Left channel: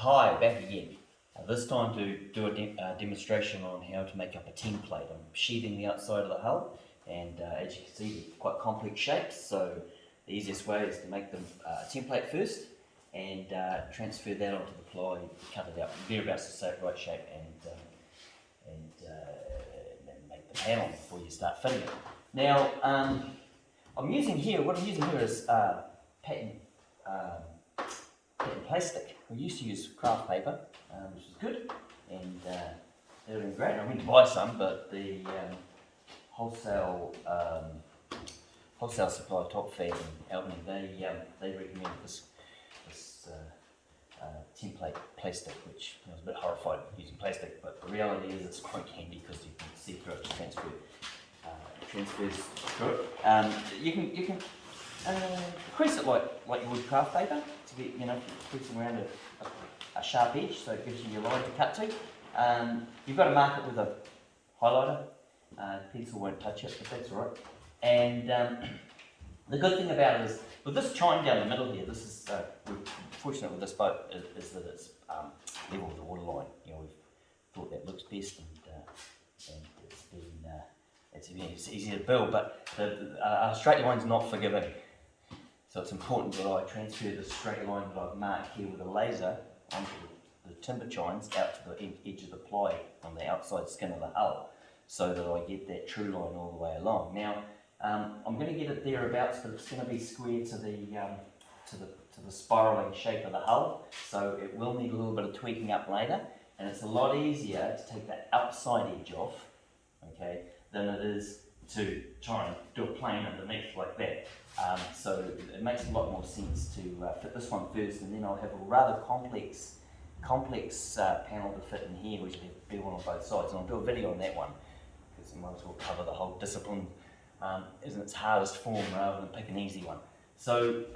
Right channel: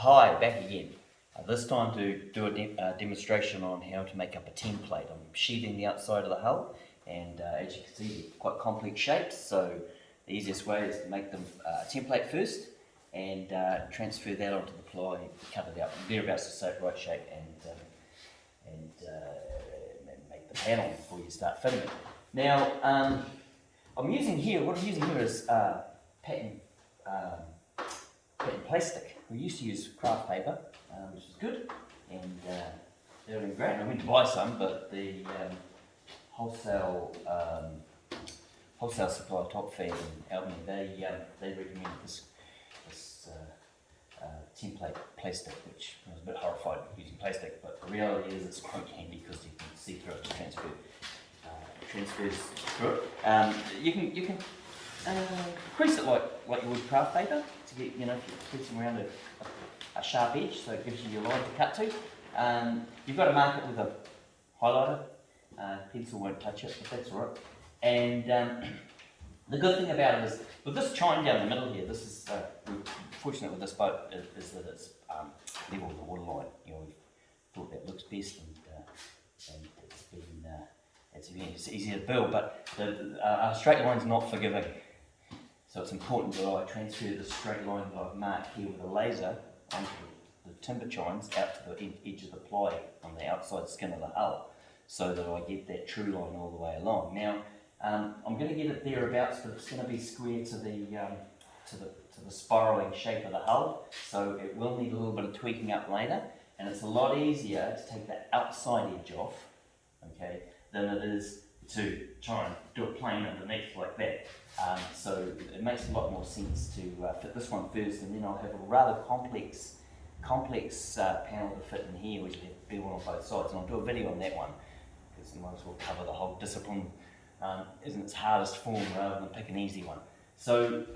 Hi, back again. This time to do a demonstration on how to make up a template. I'm sheathing the outside of the hull, and as you can see, they're quite complex shapes, so the easiest way is to make them template first and transfer that onto the ply, cut it out, thereabouts the right shape, and make the panel before you start fitting it. Now, what I'm using here is pattern plastic. We used to use craft paper, which is good, and they were doing great. And I went to buy some, but the wholesale supply, Top Fab in Albany, they recommend this template plastic, which I was a bit horrified using plastic, but the reality is it's quite handy because you can see through it, transfers through it. You can crease it like you would craft paper to get, if you're creasing around a sharp edge, so it gives you your line to cut to. You've got to mark it with a highlighter. Pencil won't touch it, but that's all right. And the good thing about it is, with this chine down the middle here, this is we're fortunate with this boat is that it's level with the water line. We've thought that looks best, and it's easier to build, but a straight line's not forgiving. So it's important that I transfer the straight line that I've marked here with a laser onto the timber chines out to the edge of the ply on the outside skin of the hull, so that I get that true line all the way along. Now, I'm going to get it thereabouts, but it's going to be square to the spiralling shape of the hull, so it will need a little bit of tweaking up later, and it's a lot easier to take the outside edge off, okay, than it is to try and do a plane underneath like that. So it makes a lot more sense to fit this one first, and then I'll have a rather complex panel to fit in here, which will be one on both sides, and I'll do a video on that one, because I might as well cover the whole discipline in its hardest form rather than pick an easy one. So,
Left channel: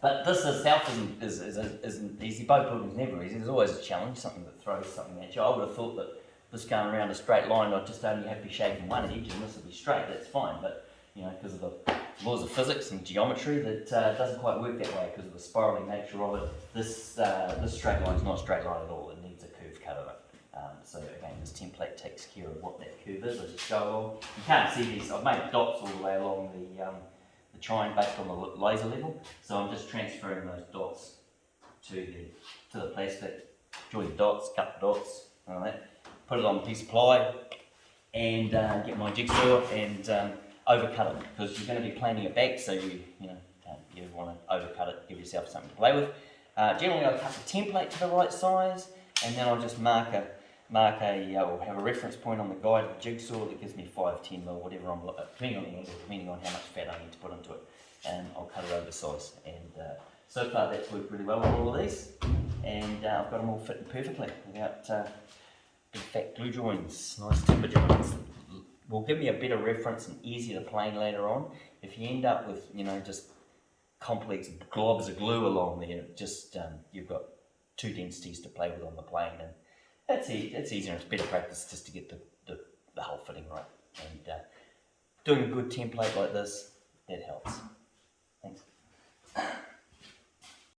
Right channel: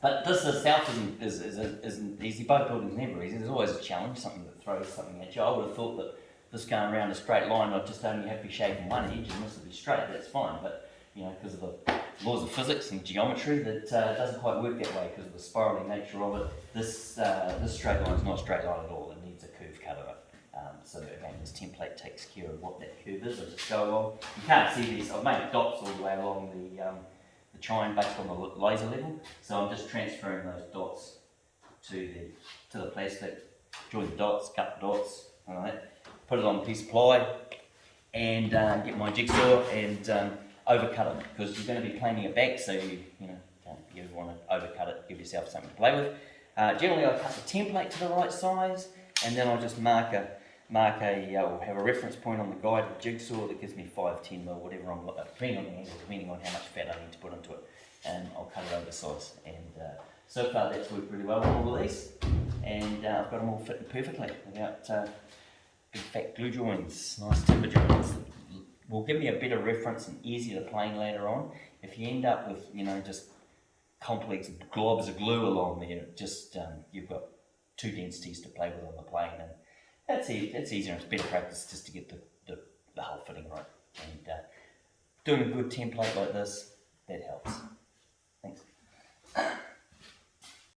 but this itself isn't easy. Boat building is never easy. There's always a challenge, something that throws something at you. I would have thought that this going around a straight line, I'd just only have to be shaving one edge, and this will be straight. That's fine, but because of the laws of physics and geometry, that doesn't quite work that way because of the spiraling nature of it. This straight line is not a straight line at all. It needs a curve cut of it. So again, this template takes care of what that curve is. I just go along. You can't see these. I've made dots all the way along the chine based on the laser level. So I'm just transferring those dots to the plastic. Join the dots, cut the dots, and all that. Put it on a piece of ply, and get my jigsaw and overcut it, because you're going to be planing it back, so you want to overcut it, give yourself something to play with. Generally, I cut the template to the right size, and then I'll just mark or have a reference point on the guide of the jigsaw that gives me 5, 10 mil, whatever I'm depending on the angle, depending on how much fat I need to put into it, and I'll cut it oversize. And so far, that's worked really well with all of these, and I've got them all fitting perfectly without big fat glue joints, nice timber joints. Will give me a better reference and easier to plane later on. If you end up with just complex globs of glue along there, just you've got two densities to play with on the plane, and that's easier and it's better practice just to get the whole fitting right. And doing a good template like this, that helps. Thanks.